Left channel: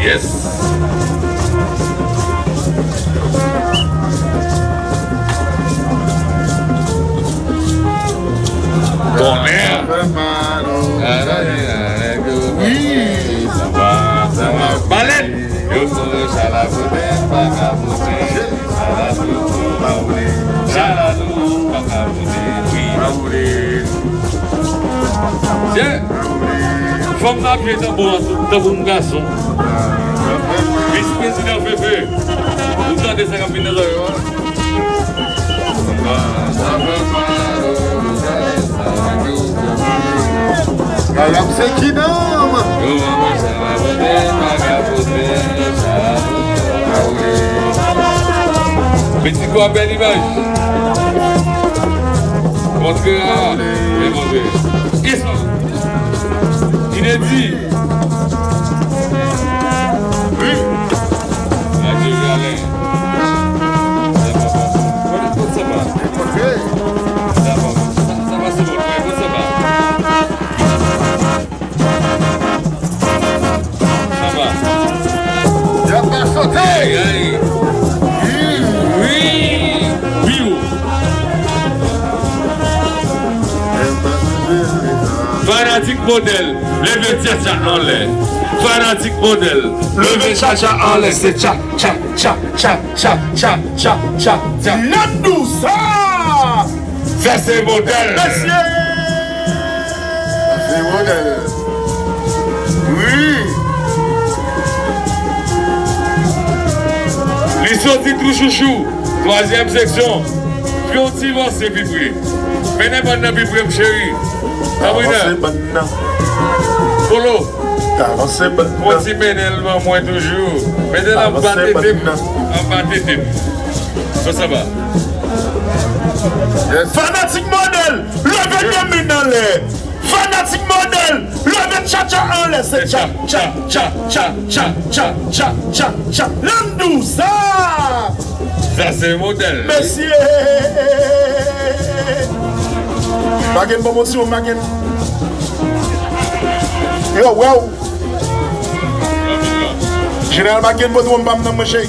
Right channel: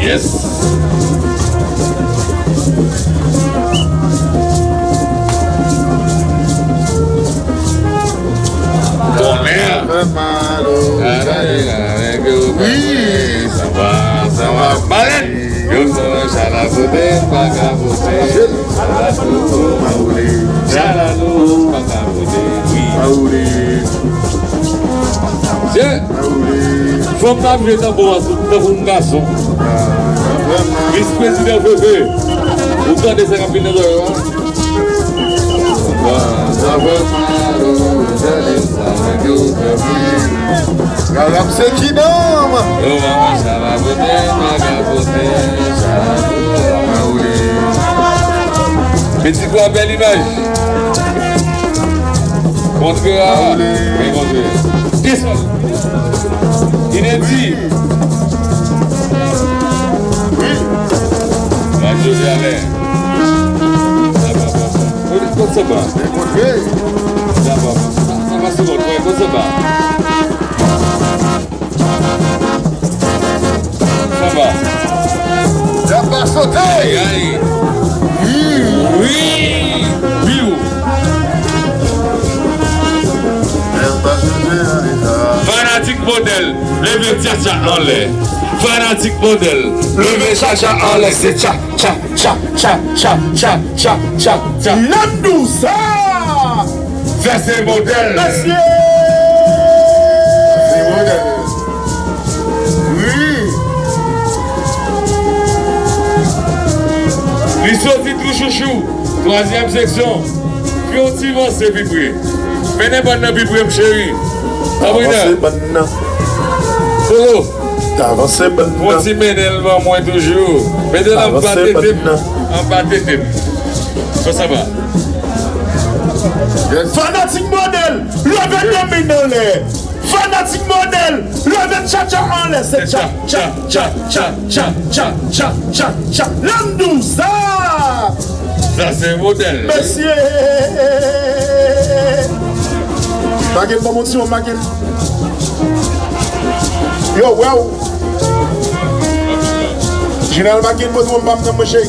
Yes. Femme d'arriver dans un garçon. Vice-président Féfé. Vous entendez ces rapines de l'heure? C'est qui nomme? Petit-toi belle image. Montre-la. Qu'est-ce que inédit. Oui. La Dieu Alain. Ça va. Ça va, c'est bon. Ouais, ça va. Ça va. Il a pas sauté. Oui. Oui. Fanatique modèle, levez tcha-tcha en l'air. Fanatique modèle, levez tcha-tcha en l'air. C'est tcha, tcha, tcha, tcha, tcha, tcha, tcha, tcha, tcha. Landou, ça. Ça c'est modèle. Monsieur. C'est modèle. Oui. Les sorties tout chouchou, troisième section. Puis on t'y va, c'est vibrer. Venez maintenant vibrer, mon chéri. Avancez maintenant. Colo. Avancez maintenant. Moi, si Ménel va moi toujours. Ménel en bas de type. En bas de type. Comment ça va? Fanatique modèle, levez le maintenant l'air. Fanatique modèle, levez tcha-tcha en l'air. C'est tcha, tcha, tcha, tcha, tcha, tcha, tcha, tcha, tcha. Landou, ça. Ça c'est modèle. Messieurs. Magen, bon motion, Magen. Yo, wow. Général Magen, bon motion, Magen, monsieur.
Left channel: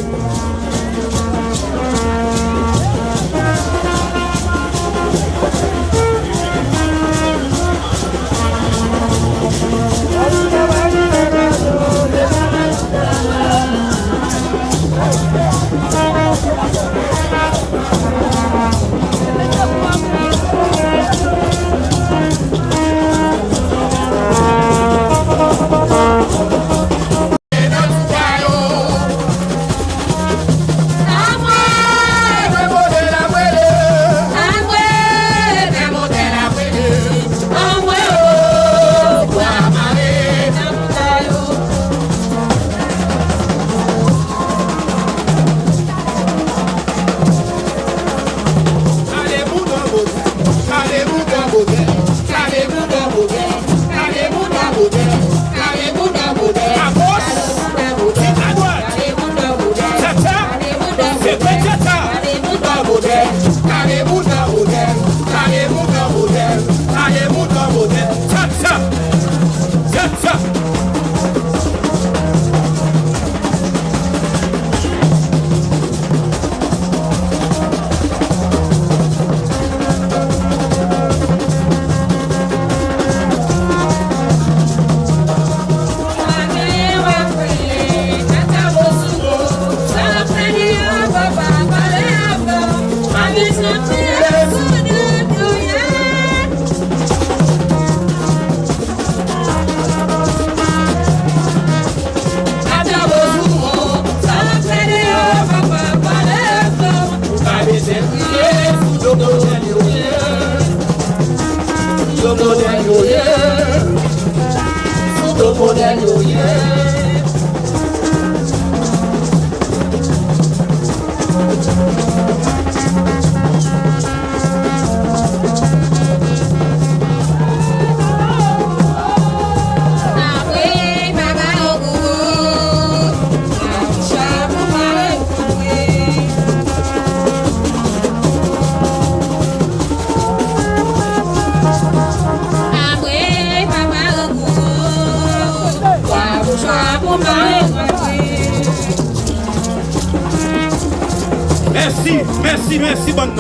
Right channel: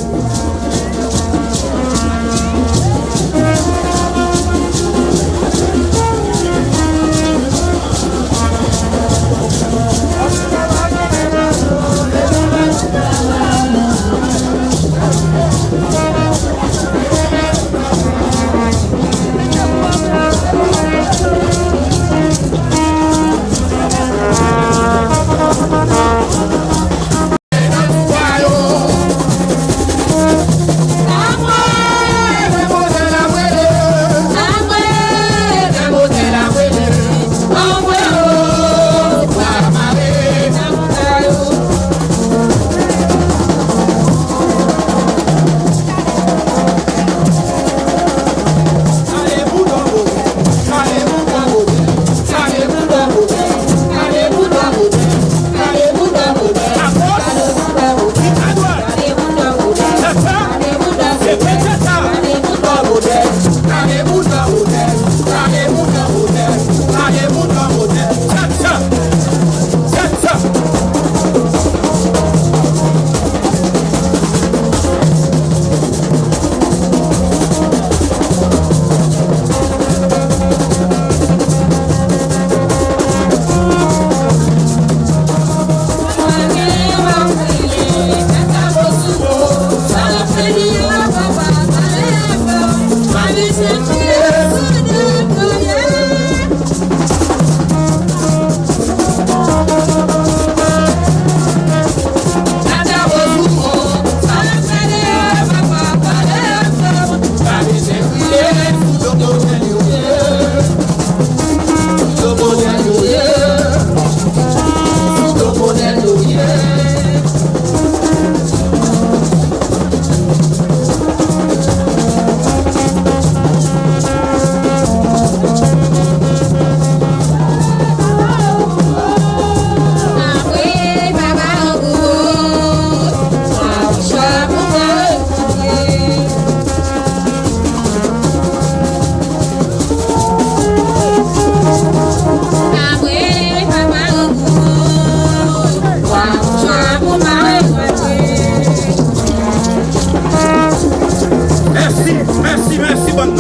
Merci, bonne.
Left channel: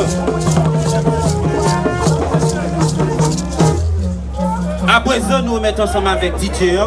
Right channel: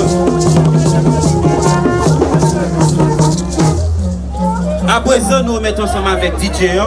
À présent, nous mettons ensemble avec DJ.